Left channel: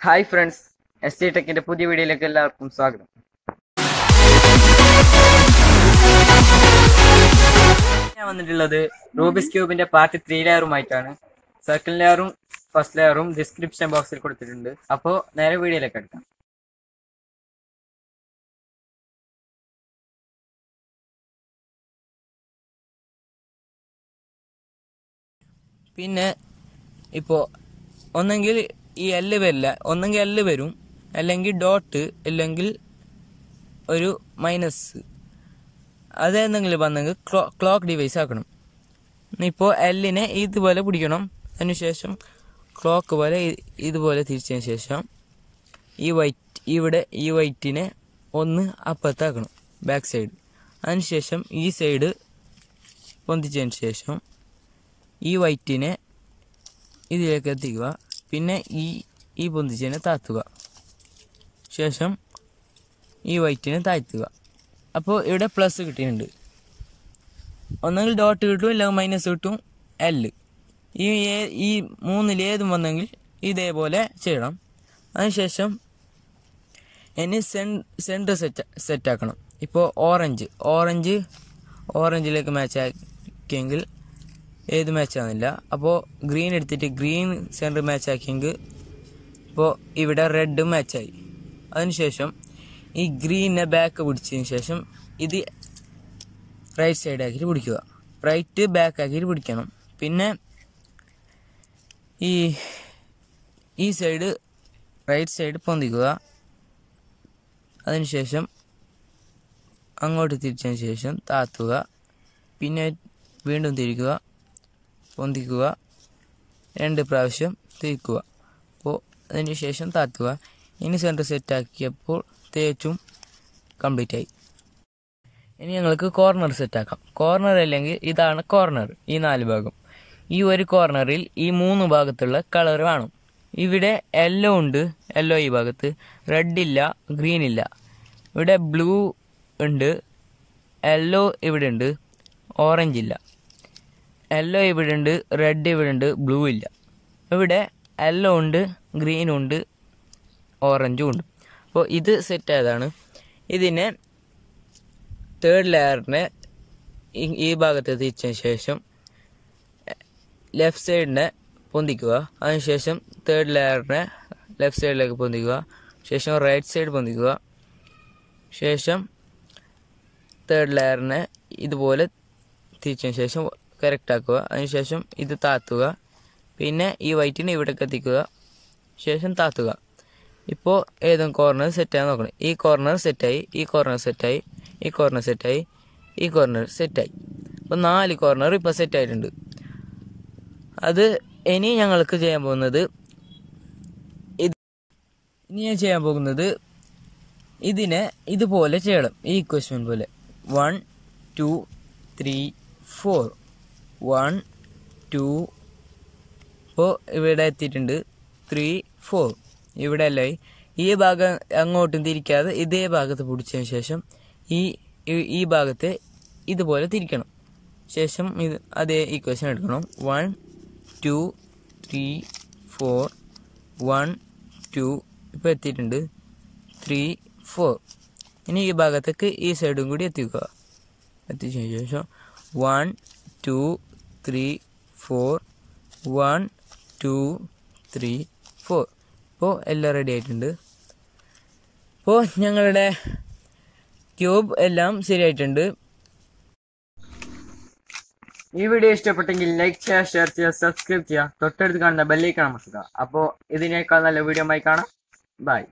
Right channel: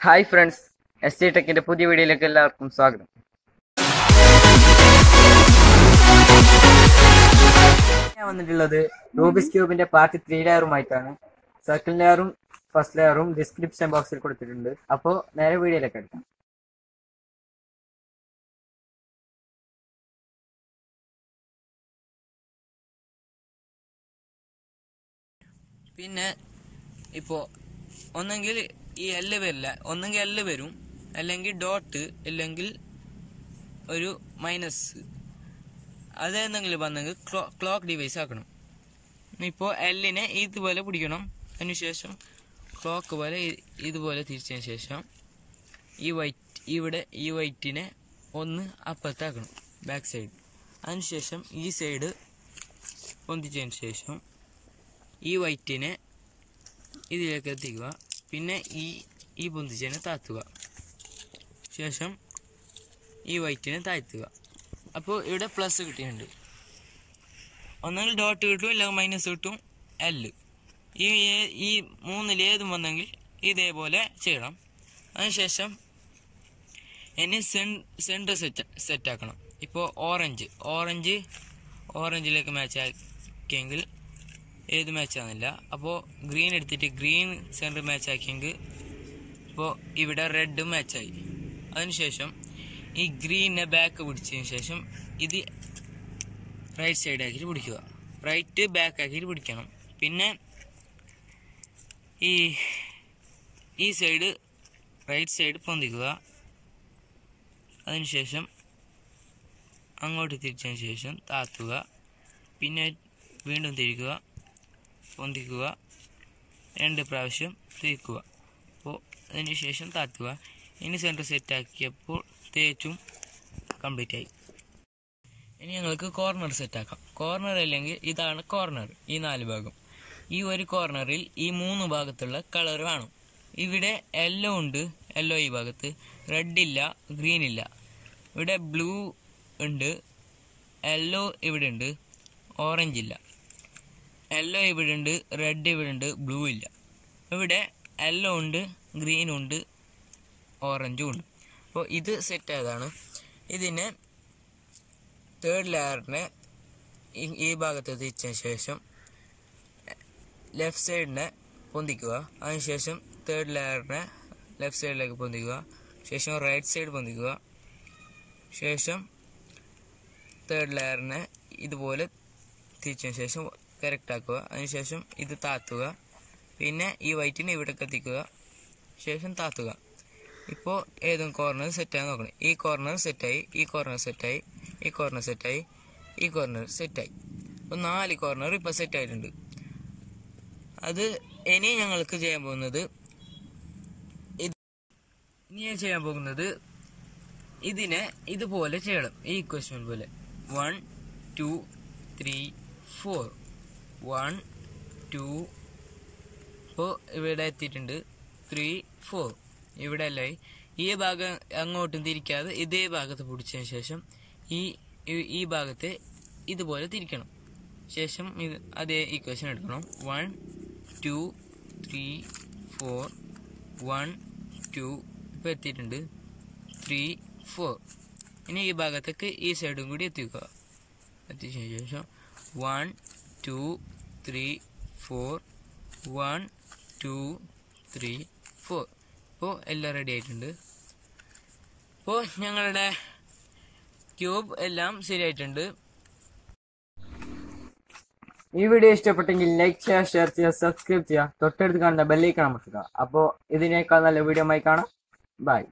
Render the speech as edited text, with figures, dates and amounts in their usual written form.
Hi friends, S T ടെക്കിന്റെ പുതിയ വീഡിയോയിലേക്ക് എല്ലാവർക്കും സ്വാഗതം. ഞാൻ വന്നിട്ടുള്ളത് റൂബിക്സ് ക്യൂബിന്റെ പാർട്ട് 3 ലെയറുമായിട്ടാണ്. സെക്കൻഡ് ലെയറും ഫസ്റ്റ് ലെയറും ഡിസ്ക്രിപ്ഷൻ ബോക്സിൽ കൊടുത്തിട്ടുണ്ട്. അപ്പോൾ നേരെ വീഡിയോയിലേക്ക് എടുക്കാം. പിന്നെ ഇപ്പോൾ ഒന്നെങ്കിൽ ഈ എല്ല് വരില്ല, ഒന്നെങ്കിൽ എല്ല് വരും, അല്ലെങ്കിൽ ഡോട്ട്, അല്ലെങ്കിൽ ഒരു മൈനസ്, അതേന്തെങ്കിലും വന്നെങ്കിൽ ക്ലോക്ക് ഡിവൈസ് ആക്കണം. ഇപ്പോൾ എല്ലിനെ ഇതുപോലെ പിടിക്കണം. അതിനുശേഷം ക്ലോക്ക് പോലെ ഇതുപോലെ തിരിച്ചതിന് ശേഷം ഈ വൈറ്റിനെ ഒന്ന് അപ്പുറത്താക്കണം, ബാക്ക് സൈഡ്. അതിനുശേഷം ഈ സൈഡ് പൊന്തിച്ചതിന് ശേഷം ഈ വൈറ്റിനെ ഇതിലേക്ക് എത്തിക്കുക. പിന്നെ ഈ പൊന്തിച്ചതിനെ താത്തുക. ശേഷം ഈ വൈറ്റിനെ താഴ്ത്തുക. അപ്പോൾ ഇവിടെ പ്ലസ് കിട്ടിയിട്ടുണ്ട്. ഒന്നെങ്കിൽ ഡോട്ട് കിട്ടും, അല്ലെങ്കിൽ മൈനസ് കിട്ടും, എല്ല്. ഈ മൂന്നിൽ ഏതും വന്നെങ്കിൽ ഇതേപോലെ ചെയ്യണം. അതിനുശേഷം ഇനി സെൻറ്റർ സെറ്റാക്കണം. ഇപ്പോൾ ഓറഞ്ചിലേക്ക് മാച്ച് ആക്കിയെങ്കിൽ ഏത് മാച്ച് ആവുന്നില്ല. അപ്പോൾ ഗ്രീൻ എടുത്തിട്ട് ഗ്രീൻ സെൻറ്റർ മാച്ച് ആക്കിയെങ്കിൽ ഇപ്പോൾ ഇവിടെ റെഡ് മാച്ചായി. അതിനുശേഷം ഈ ഗ്രീനെ ബാക്ക് പിടിച്ചതിന് ശേഷം ഇത് റൈറ്റ് സൈഡ് ആക്കിയിട്ട് പിടിക്കുക. റൈറ്റ് ബാക്ക് ആക്കിയിട്ട് പിടിക്കണം. പിന്നെ ഈ സൈഡ് റൈറ്റ് സൈഡ് പൊന്തിക്കുക. അതിനുശേഷം അങ്ങോട്ട് തിരിച്ചതിന് ശേഷം താത്തുക. പിന്നെ വീണ്ടും തിരിക്കുക, പൊന്തിക്കുക, 2 പ്രാവശ്യം തിരിക്കുക. അപ്പോൾ അതിന് ശേഷം താത്തുക. ഇനി സെൻറ്റർ സെറ്റാക്കിയപ്പോൾ തേച്ചും കംപ്ലീറ്റ് ആയി. ഇനി ഞങ്ങൾക്ക് കോർണർ സെറ്റാക്കാം. കോർണർ അല്ലെങ്കിൽ ഇതാണ് കോർണർ, ഈ 4 ഭാഗം. ഈ ഒരു കോർണറിൽ ഈ 3 ഭാഗത്തുള്ള കളർ വേണം. ഇവിടെ യെല്ലോ ഉണ്ട്, യെല്ലോ ഈ ഭാഗത്ത്, റെഡ് ഇല്ല, ഗ്രീൻ ഇല്ല. ഇവിടെ ബ്ലൂ ഉണ്ട്, യെല്ലോ ഇവിടെ ഉണ്ട്, ഓറഞ്ച് ഇല്ല. യെല്ലോ ഇവിടെ ഉണ്ട്, റെഡ് ഇവിടെ ഉണ്ട്, ബ്ലൂ ഇല്ല. ഇവിടെ യെല്ലോ ഉണ്ട്, ഗ്രീൻ ഉണ്ട്, ഓറഞ്ചും ഉണ്ട്. അപ്പോൾ ഇത് സെറ്റ് ആയതാണ്. ഇതിനെ തേർഡ് ലെയറിനെ ഈ ഭാഗത്ത് തിരിച്ചതിന് ശേഷം ലെഫ്റ്റ് സൈഡിനെ പൊന്തിക്കുക. അതിനുശേഷം തേർഡ് ലെയറിനെ ലെഫ്റ്റ് സൈഡിലേക്ക് പൊന്തിക്കുക. ശേഷം റൈറ്റ് സൈഡ് പൊന്തിക്കുക. ശേഷം തേർഡ് ലെയറിനെ ഇതുപോലെ തിരിച്ചതിന് ശേഷം കറക്റ്റ് ആക്കുക. അതിനുശേഷം ഇത് താത്തുക. പിന്നെ ഈ വൈറ്റിനെ ഇവിടേക്ക് എത്തിക്കുക. ശേഷം താത്തുക. ഇപ്പോൾ ഏതും കോർണർ സെറ്റായി നോക്കണം. ഈ കോർണർ സെറ്റായി, ഈ കോർണർ സെറ്റായി, ഈ കോർണർ സെറ്റായി, ഈ കോർണർ സെറ്റായി. അപ്പോൾ 4 കോർണർ ഇപ്പോൾ സെറ്റായിട്ടുണ്ട്. അത് ഇനി ഞങ്ങൾക്ക് ചെയ്യാൻ പോകുന്നത് ഇതിനെ ഇതുപോലെ ചെയ്യണം. ഈ ഇക്വേഷൻ പോലെ 1 2 3 4 1 2. ഇപ്പോൾ ഇവിടെ എത്തിയിട്ടുണ്ട്. 3 4 ഇവിടെ അല്ലേ. ഈ ഭാഗം അങ്ങോട്ടും തിരിക്കാതെ ഇതേ ഭാഗത്ത് പിടിച്ചതിന് ശേഷം ഈ ഭാഗത്തെ ഇതുപോലെ തിരിക്കണം. ശേഷം അതേ ഇക്വേഷൻ എടുക്കണം. 1 2 3 4 1 2. ഇപ്പോൾ എത്തിയിട്ടുണ്ട് 3 4. ഇനി ഈ ഭാഗത്തേക്ക് ഈ സൈഡും കൂടി എത്തിക്കുക. എത്തിച്ചതിന് ശേഷം 1 2 3 4 1 2 3 4. ഇപ്പോൾ എല്ലാം റെഡി ആയിട്ടുണ്ട്. ഇപ്പോൾ ഞങ്ങളുടെ ക്യൂബ് എല്ലാം ശരിയായിട്ടുണ്ട്. ഈ വീഡിയോ ഇഷ്ടപ്പെട്ടെങ്കിൽ ലൈക്ക് ചെയ്യുക, ഷെയർ ചെയ്യുക, സബ്സ്ക്രൈബ് ചെയ്യുക, തൊട്ടടുത്ത് കാണുന്ന ബെല്ലൈക്കൺ അമർത്തുക. അപ്പോൾ ഇതിനേക്കാൾ നല്ല വീഡിയോ ആയി കാണാം. ബൈ.